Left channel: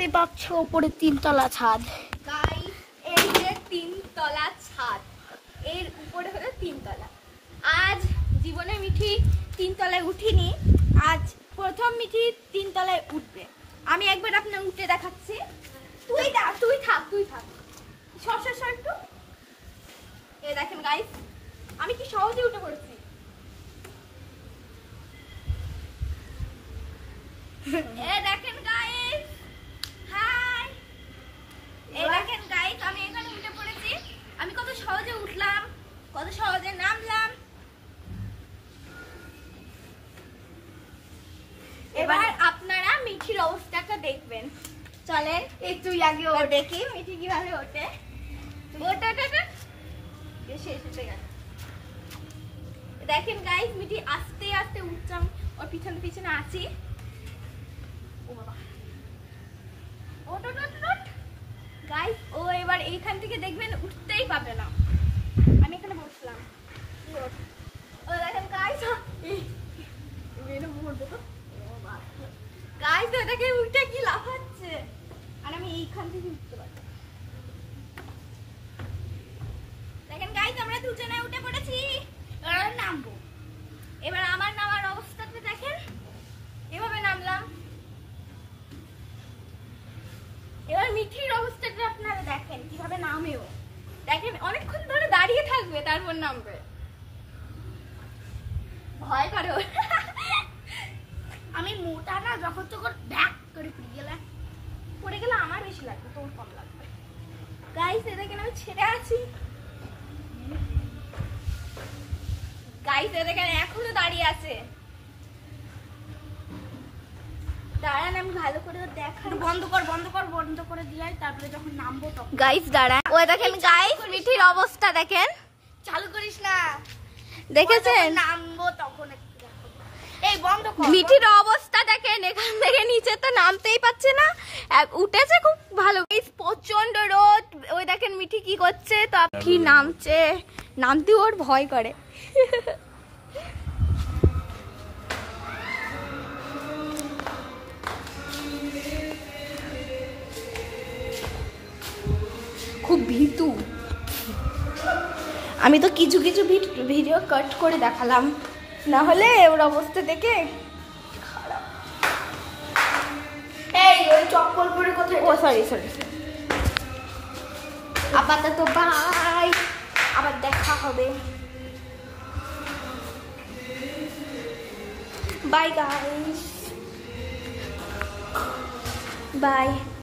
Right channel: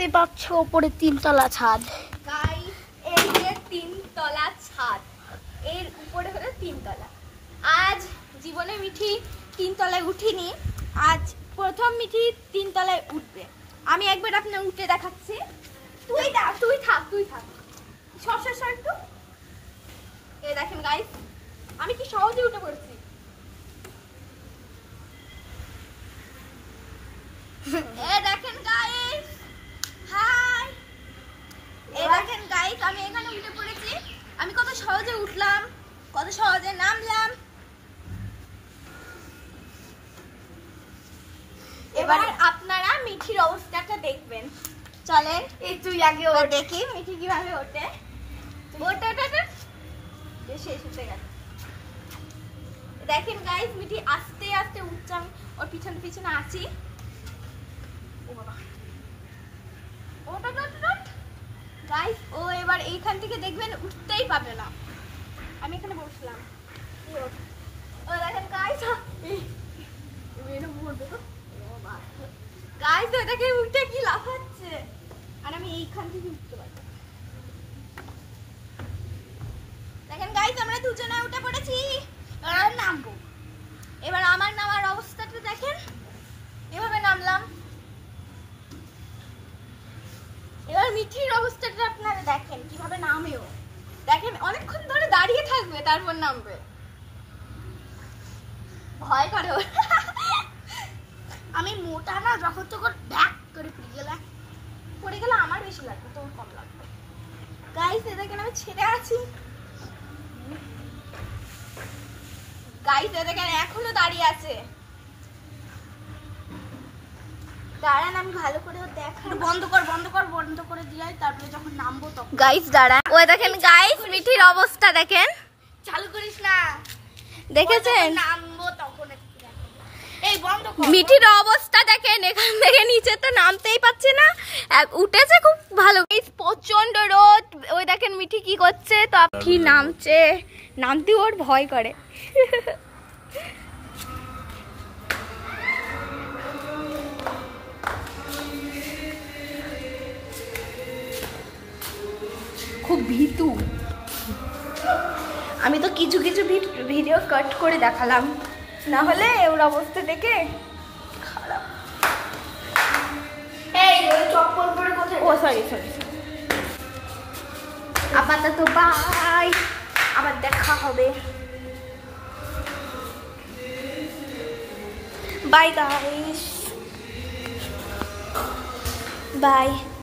দেখতে পাচ্ছ উপরে 3 তলা ছাদ। গাইস এই যে 3 তলা ছাদ, এর উপরে হলো 3 তলা। আজ জীবনে মিঠি 3 তলায় উঠিনি, আজ প্রথম মিঠি 3 তলায় উঠবে। আমি একবার আপনার উঠে দেখাচ্ছি। তুই থাক সর একটু। এই দেখেন গাইস, আমি কি সহজে উঠে পড়েছি। এই দেখেন গাইস, হাই। এই দেখেন গাইস, আমি এখানে উঠে পড়েছি। আমি কত সহজে উঠলাম, কত সহজে নামলাম। এবার আপনারা মিঠির অবস্থাটা দেখবেন। চলেন এই তুই আগে দেখি মিঠি কিভাবে ওঠে। শেষ হতে গেল। দেখেন গাইস, মিঠি আস্তে আস্তে উঠছে, আমি ওর পিছনে পিছনে আছি। ও বাবা, গাইস ও এবার এইখান থেকে দেখবেন উঠতেই পারবে না। আমি এখানে বসলাম। ও দেখেন গাইস, গাইস ও দেখে উঠে কি লাফাচ্ছে, আর আমি এইখান থেকে উঠতে পারবো। দেখেন গাইস, আমরা দুজনে উঠে পড়েছি। এবার নামবো। এবার আমার নামার অবস্থাটা দেখেন, এভাবে নামলাম। এবার মিঠির অবস্থাটা আপনারা দেখেন কিভাবে নামেও। দেখেন অনেকক্ষণ ধরে দাঁড়িয়ে থাকবে, তারপর নামবে। ভয় করে। আমি মোটা না, যখন তখন ব্যাক করে পড়ে গেলে আমার বেশি লাগবে, তোর কম লাগবে। গাইস এ দেখেন আমি ছেড়ে আছি। গাইস এ দেখেন এখনো দাঁড়িয়ে আছে। দাঁড়ান আমি ভালো করে দেখাই। বন্ধ করে দিয়াই, তারপরে যখন নামবো তখন। গাইস দাঁড়ান, ওই দেখেন গাইস মিঠির অবস্থা দেখেন। চালু করিস না, দেখেছেন নামবো তখন একটু দেখো। এই বন্ধ কর। মিঠির অবস্থা দেখেন, এখান থেকে নিচে তো নামতেই পারছে না। উঠেছে খুব ভালো। প্রচন্ড রোদ। ওই দেখেন মিঠি কি করছে, তো আপনি নামছে, নামতে ওর ভয় করে। খুব ভীতু। আমি তো কিছু কিছু ভিডিও কাট করে দেখালাম, না হলে ওর অবস্থা দেখে খারাপ। এই ওই চপ্পল পরে কোথায়? ও সরি আপাতত বাই, আবার দেখা হবে। Bye guys, by.